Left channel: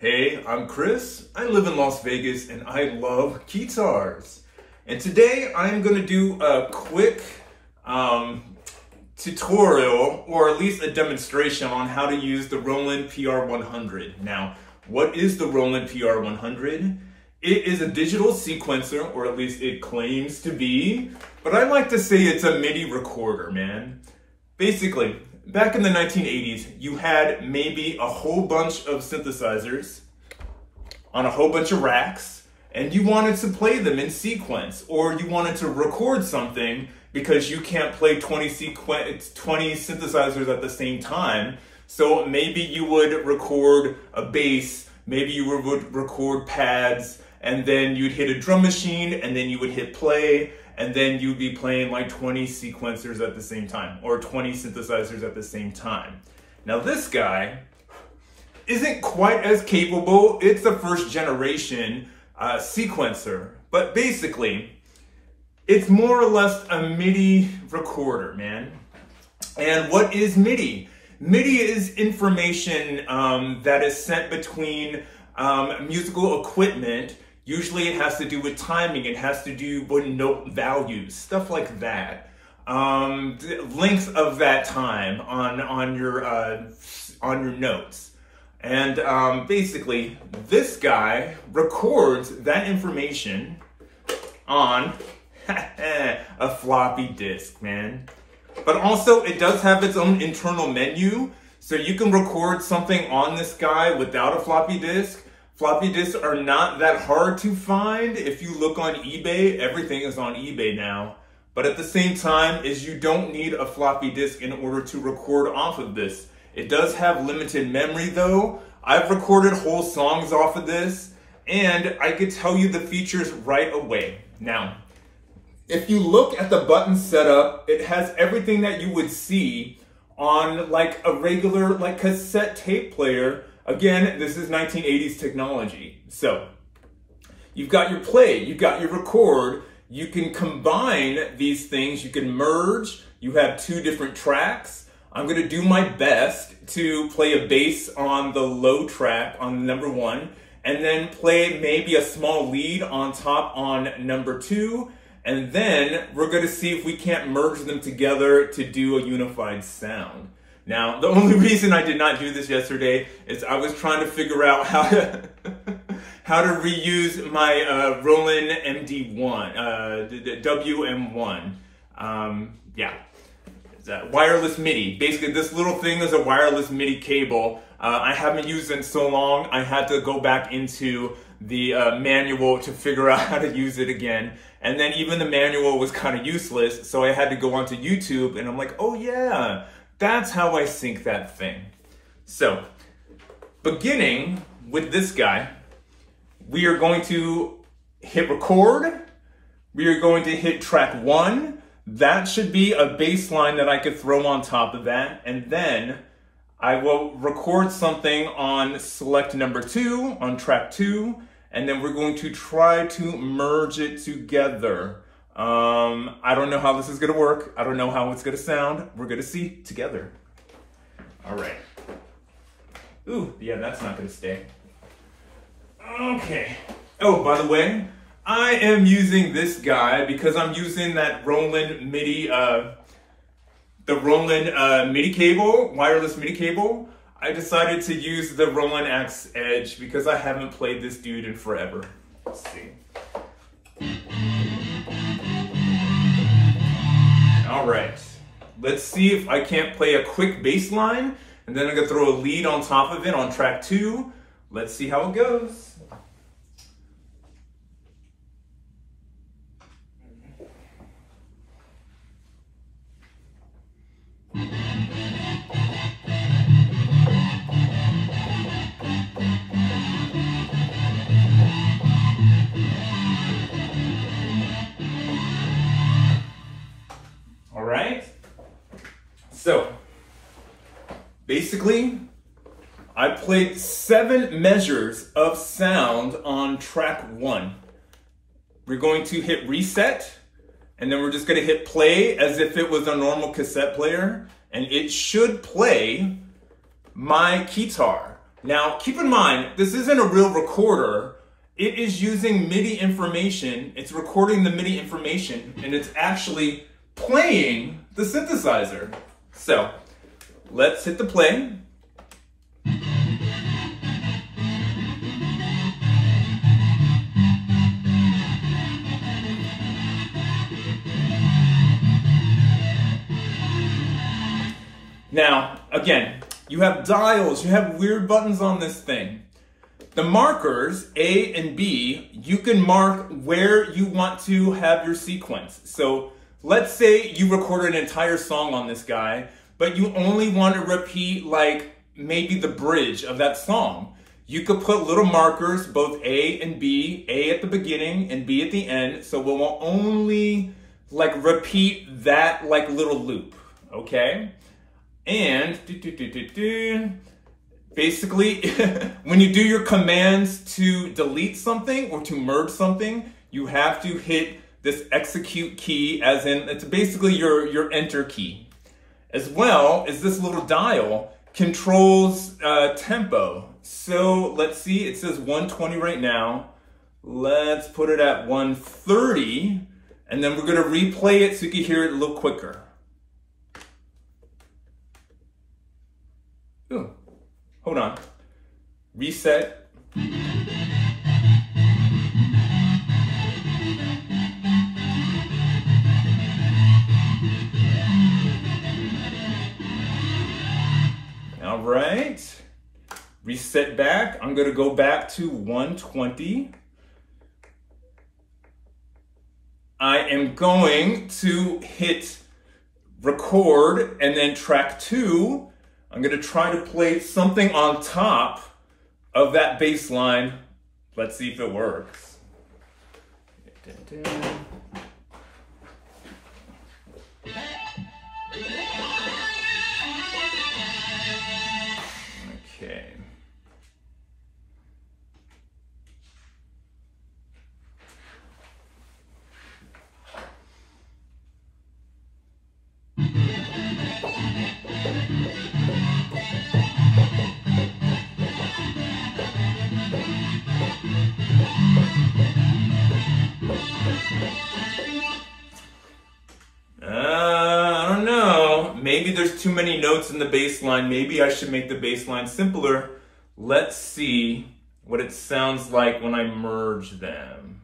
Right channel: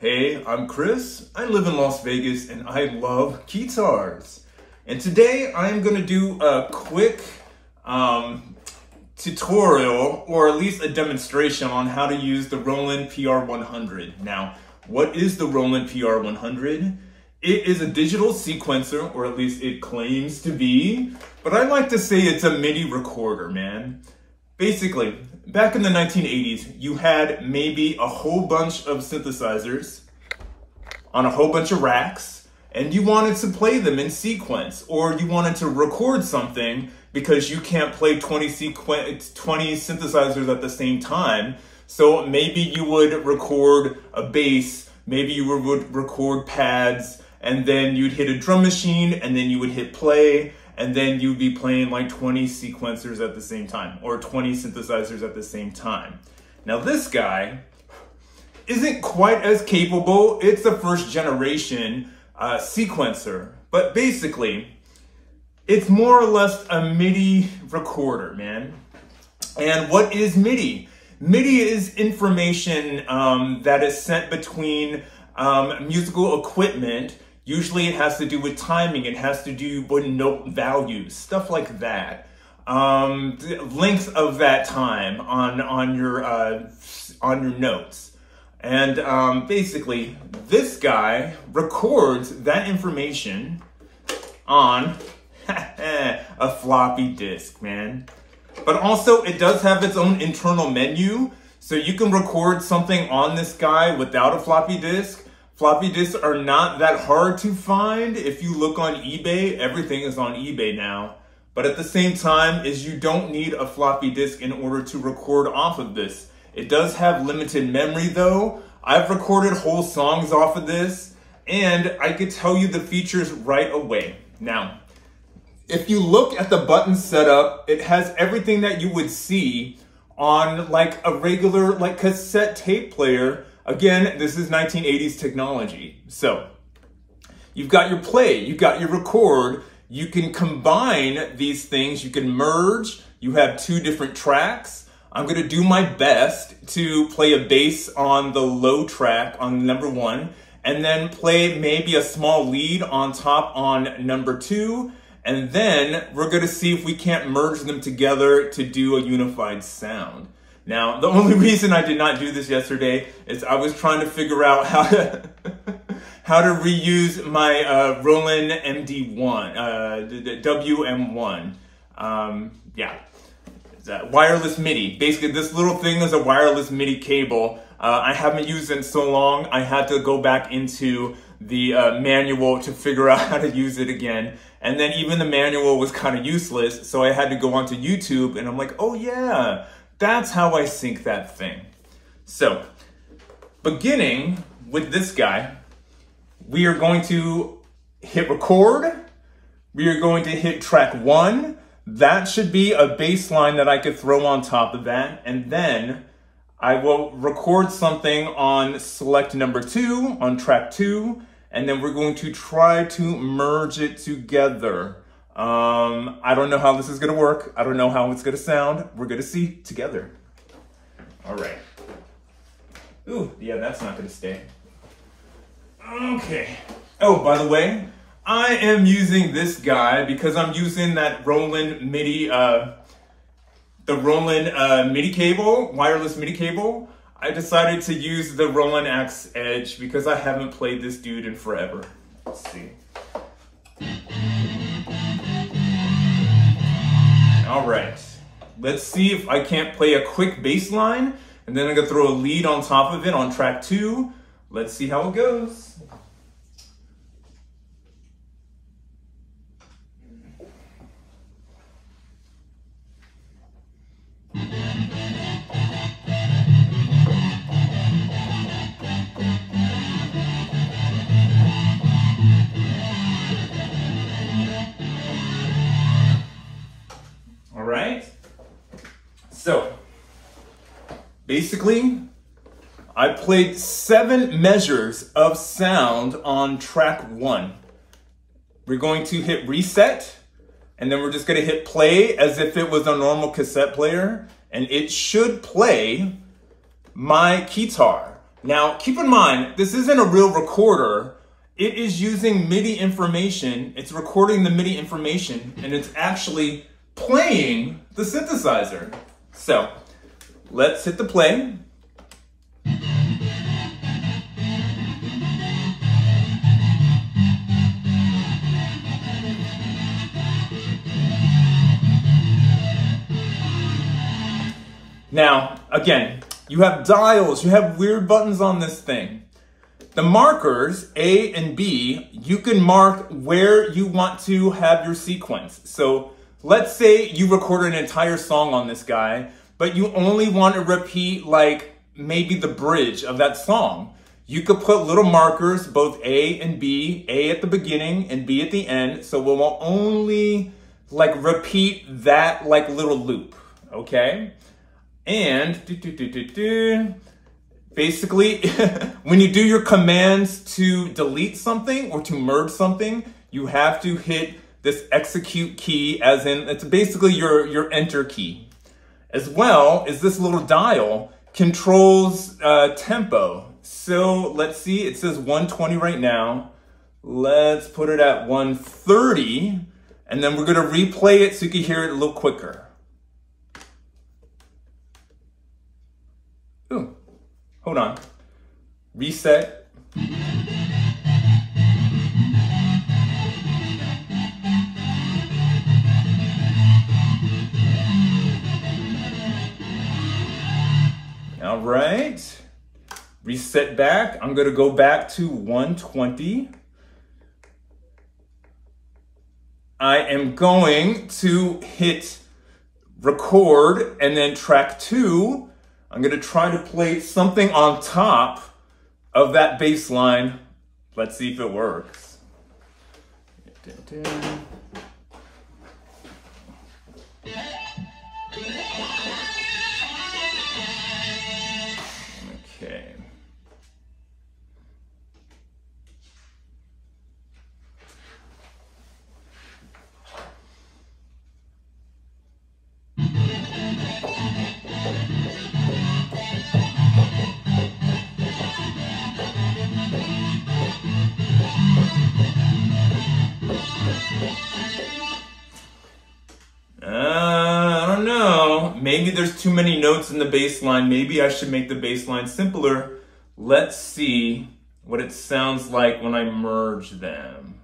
Hey, I'm Chris. I live in Las Vegas and I love guitars. And today I'm going to do a quick tutorial, or at least a demonstration on how to use the Roland PR-100. Now, what is the Roland PR-100? It is a digital sequencer, or at least it claims to be, but I like to say it's a MIDI recorder, man. Basically, back in the 1980s, you had maybe a whole bunch of synthesizers on a whole bunch of racks, and you wanted to play them in sequence, or you wanted to record something because you can't play 20 synthesizers at the same time. So maybe you would record a bass, maybe you would record pads, and then you'd hit a drum machine, and then you would hit play, and then you'd be playing like 20 sequencers at the same time, or 20 synthesizers at the same time. Now this guy isn't quite as capable. It's a first generation sequencer, but basically it's more or less a MIDI recorder, man. And what is MIDI? MIDI is information that is sent between musical equipment. Usually it has to do with timing, it has to do with note values, stuff like that. The length of that time on your notes. And basically, this guy records that information on a floppy disk, man. But also, it does have its own internal menu, so you can record something on this guy without a floppy disk. Floppy disks are not that hard to find. If you look on eBay, everything is on eBay now. But at the same time, you don't need a floppy disk in order to record off of this. It does have limited memory though. I've recorded whole songs off of this, and I could tell you the features right away. Now, if you look at the button setup, it has everything that you would see on like a regular cassette tape player. Again, this is 1980s technology. So you've got your play, you've got your record, you can combine these things, you can merge, you have two different tracks. I'm gonna do my best to play a bass on the low track on number 1, and then play maybe a small lead on top on number 2, and then we're gonna see if we can't merge them together to do a unified sound. Now, the only reason I did not do this yesterday is I was trying to figure out how to how to reuse my Roland MD1, WM1. Yeah, it's a wireless MIDI. Basically, this little thing is a wireless MIDI cable. I haven't used it in so long, I had to go back into the manual to figure out how to use it again. And then even the manual was kind of useless, so I had to go onto YouTube, and I'm like, oh yeah, that's how I sync that thing. So, beginning with this guy, we are going to hit record. We are going to hit track 1. That should be a bass line that I could throw on top of that. And then I will record something on select number 2, on track 2. And then we're going to try to merge it together. I don't know how this is gonna work. I don't know how it's gonna sound. We're gonna see together. All right. Ooh, yeah, that's not gonna stay. Okay. Oh, by the way, I am using this guy because I'm using that Roland MIDI, the Roland MIDI cable, wireless MIDI cable. I decided to use the Roland Axe Edge because I haven't played this dude in forever. Let's see. All right, let's see if I can't play a quick bass line, and then I'm gonna throw a lead on top of it on track 2. Let's see how it goes. So, basically, I played 7 measures of sound on track 1. We're going to hit reset, and then we're just going to hit play as if it was a normal cassette player, and it should play my Keytar. Now, keep in mind, this isn't a real recorder. It is using MIDI information. It's recording the MIDI information, and it's actually playing the synthesizer. So, let's hit the play. Now, again, you have dials, you have weird buttons on this thing. The markers, A and B, you can mark where you want to have your sequence. So let's say you record an entire song on this guy, but you only want to repeat like maybe the bridge of that song. You could put little markers, both A and B, A at the beginning and B at the end. So we will only like repeat that like little loop, okay? And basically, when you do your commands to delete something or to merge something, you have to hit this execute key, as in it's basically your enter key. As well as this little dial controls tempo. So let's see, it says 120 right now. Let's put it at 130, and then we're gonna replay it so you can hear it a little quicker. Ooh, hold on. Reset. All right. Reset back. I'm going to go back to 120. I am going to hit record and then track 2. I'm going to try to play something on top of that bass line. Let's see if it works. Okay. I don't know. Maybe there's too many notes in the bass line. Maybe I should make the bass line simpler. Let's see what it sounds like when I merge them.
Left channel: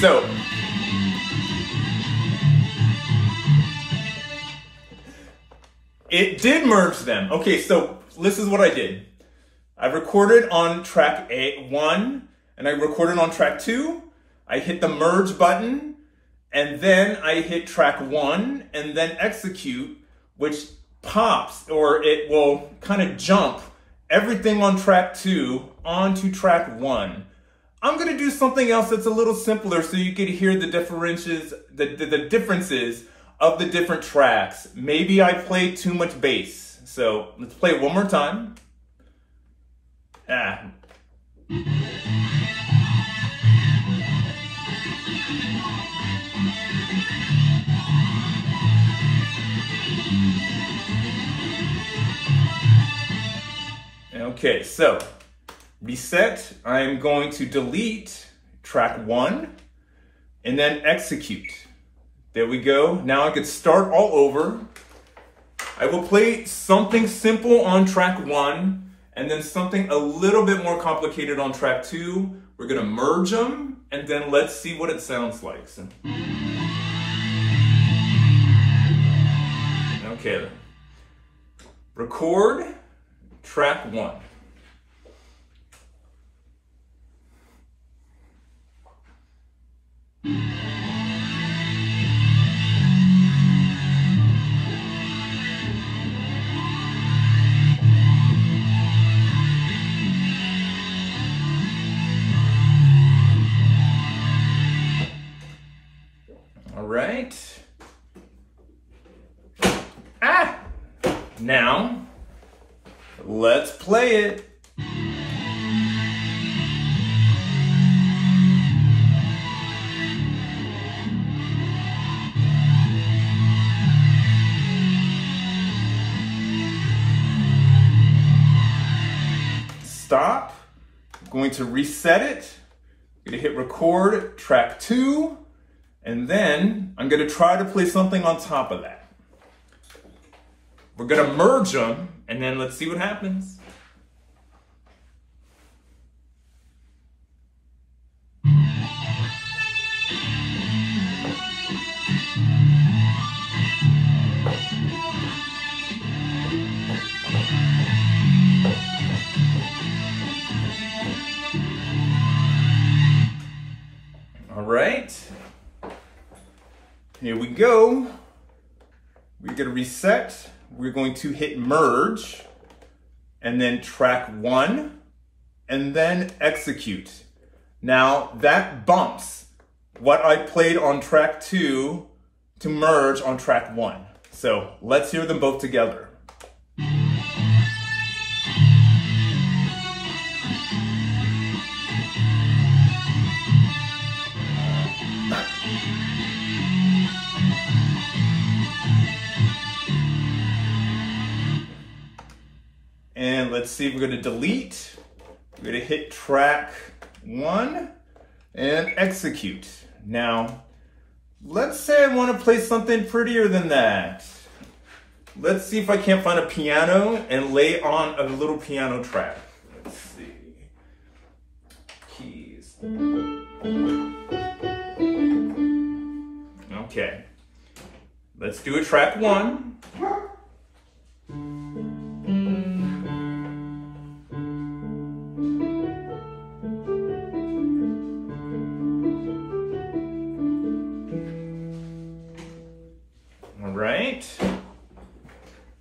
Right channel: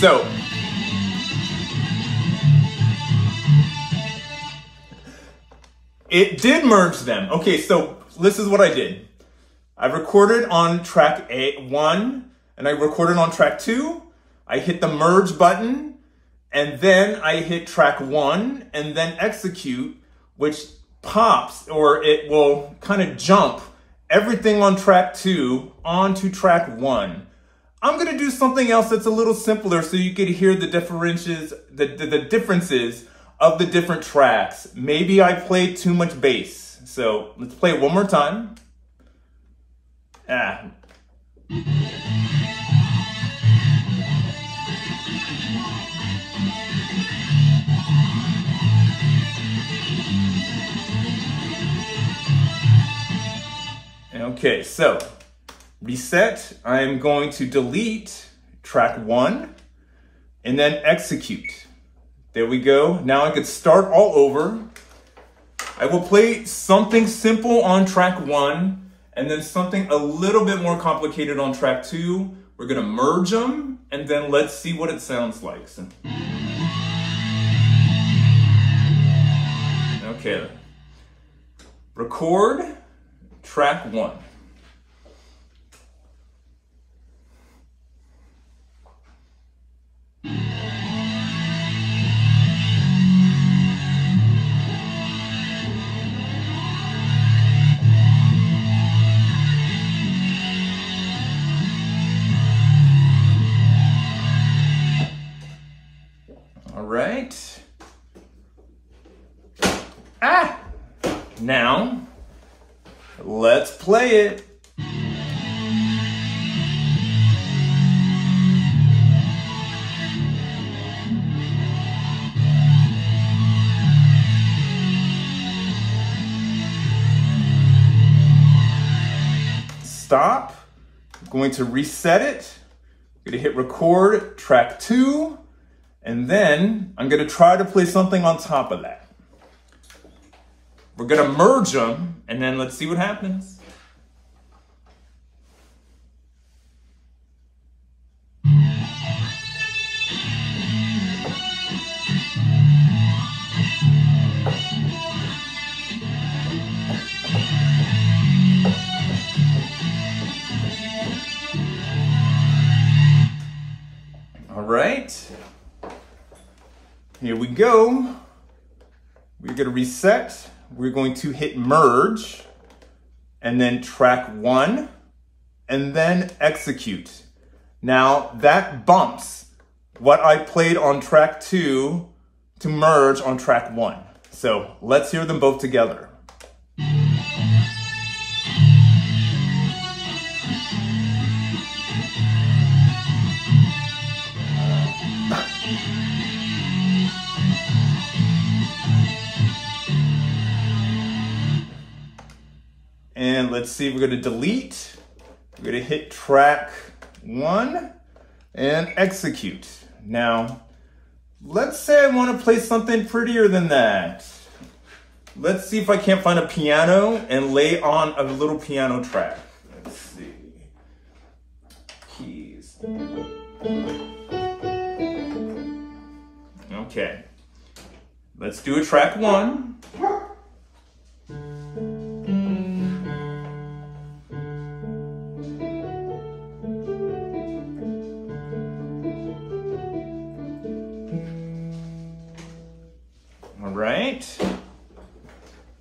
So, it did merge them. Okay, so this is what I did. I recorded on track 1 and I recorded on track 2. I hit the merge button and then I hit track 1 and then execute, which pops, or it will kind of jump everything on track 2 onto track 1. I'm going to do something else that's a little simpler so you can hear the differences of the different tracks. Maybe I played too much bass. So let's play it one more time. Okay, so reset. I'm going to delete track 1 and then execute. There we go. Now I could start all over. I will play something simple on track 1 and then something a little bit more complicated on track 2. We're gonna merge them and then let's see what it sounds like. So, okay. Record track 1. All right. Now, let's play it. stop. I'm going to reset it. I'm going to hit record track 2. And then I'm going to try to play something on top of that. We're going to merge them, and then let's see what happens. All right, here we go. We're going to reset. We're going to hit merge, and then track 1, and then execute. Now that bumps what I played on track 2 to merge on track 1. So let's hear them both together. And let's see, we're going to delete. We're going to hit track 1 and execute. Now, let's say I want to play something prettier than that. Let's see if I can't find a piano and lay on a little piano track. Let's see. Keys. Okay. Let's do a track 1. Right?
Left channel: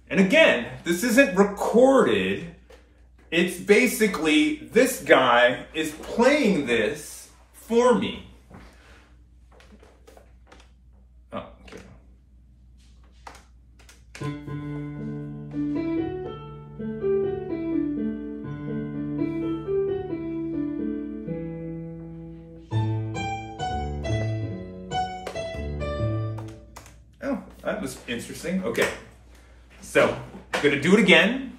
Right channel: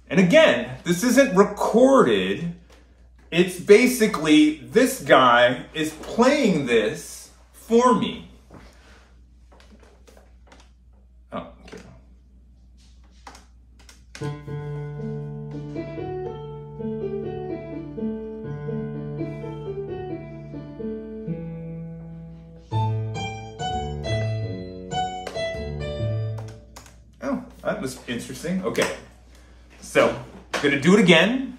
And again, this isn't recorded. It's basically this guy is playing this for me. Oh, okay. That was interesting. Okay, so I'm gonna do it again.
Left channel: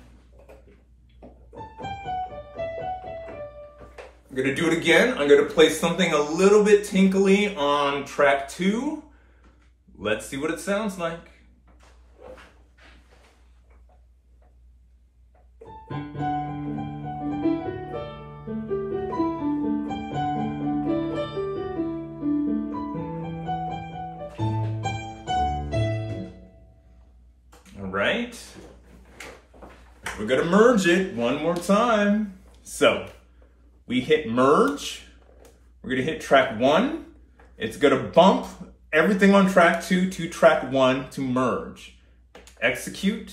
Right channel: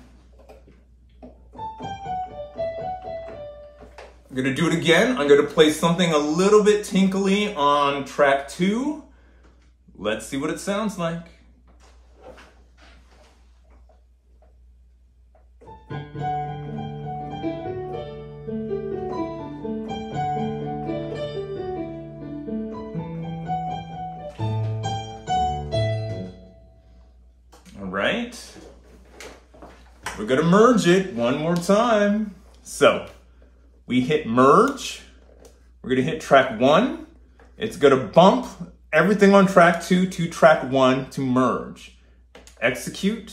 I'm gonna play something a little bit tinkly on track 2. Let's see what it sounds like. Right? We're gonna merge it one more time. So we hit merge. We're gonna hit track 1. It's gonna bump everything on track 2 to track 1 to merge. Execute,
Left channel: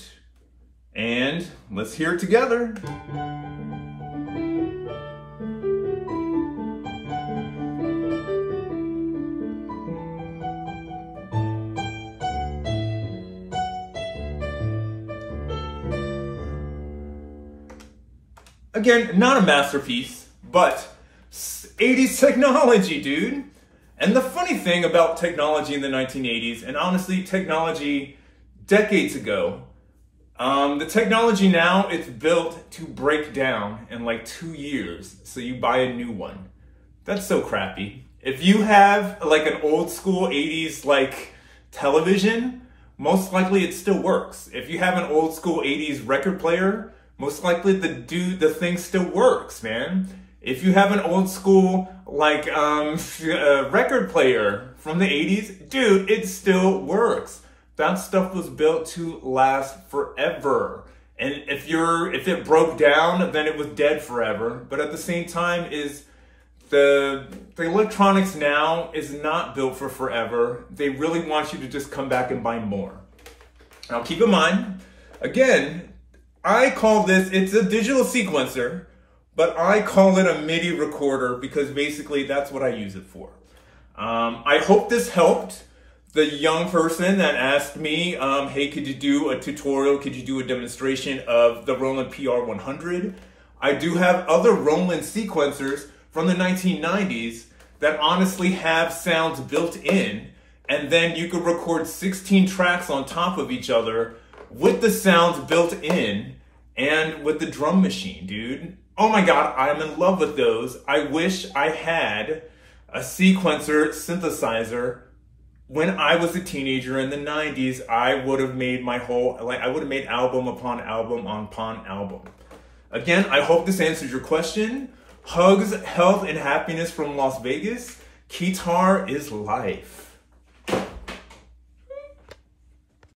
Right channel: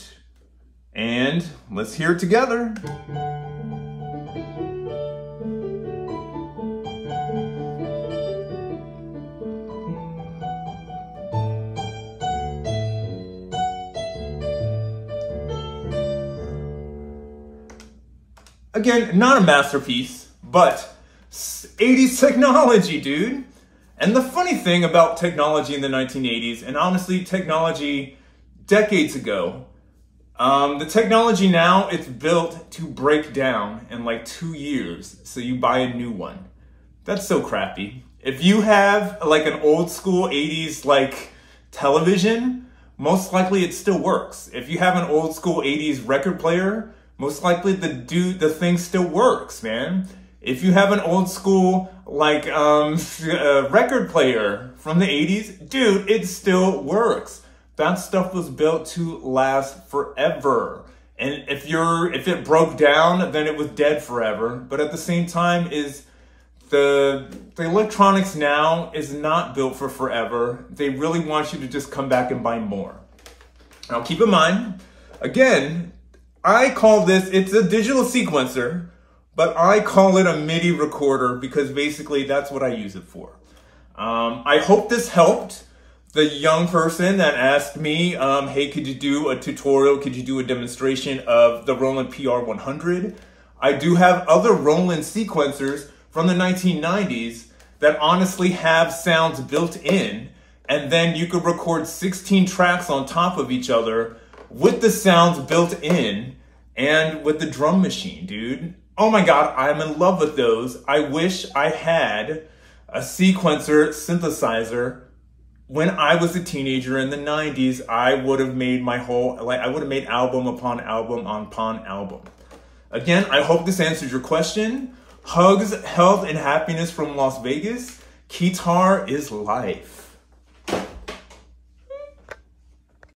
and let's hear it together. Again, not a masterpiece, but 80s technology, dude. And the funny thing about technology in the 1980s, and honestly, technology decades ago, the technology now, it's built to break down in like 2 years, so you buy a new one. That's so crappy. If you have like an old school 80s like television, most likely it still works. If you have an old school 80s record player, most likely the thing still works, man. If you have an old school like record player from the 80s, dude, it still works. That stuff was built to last forever. And if it broke down, then it was dead forever. But at the same time, the electronics now is not built for forever. They really want you to just come back and buy more. Now keep in mind, again, I call this, it's a digital sequencer, but I call it a MIDI recorder because basically that's what I use it for. I hope this helped the young person that asked me, hey, could you do a tutorial? Could you do a demonstration of the Roland PR-100? I do have other Roland sequencers from the 1990s that honestly have sounds built in, and then you could record 16 tracks on top of each other with the sounds built in and with the drum machine, dude. Oh my God, I'm in love with those. I wish I had a sequencer synthesizer. When I was a teenager in the 90s, I would have made I would have made album upon album upon album. Again, I hope this answers your question. Hugs, health, and happiness from Las Vegas. Keytar is life.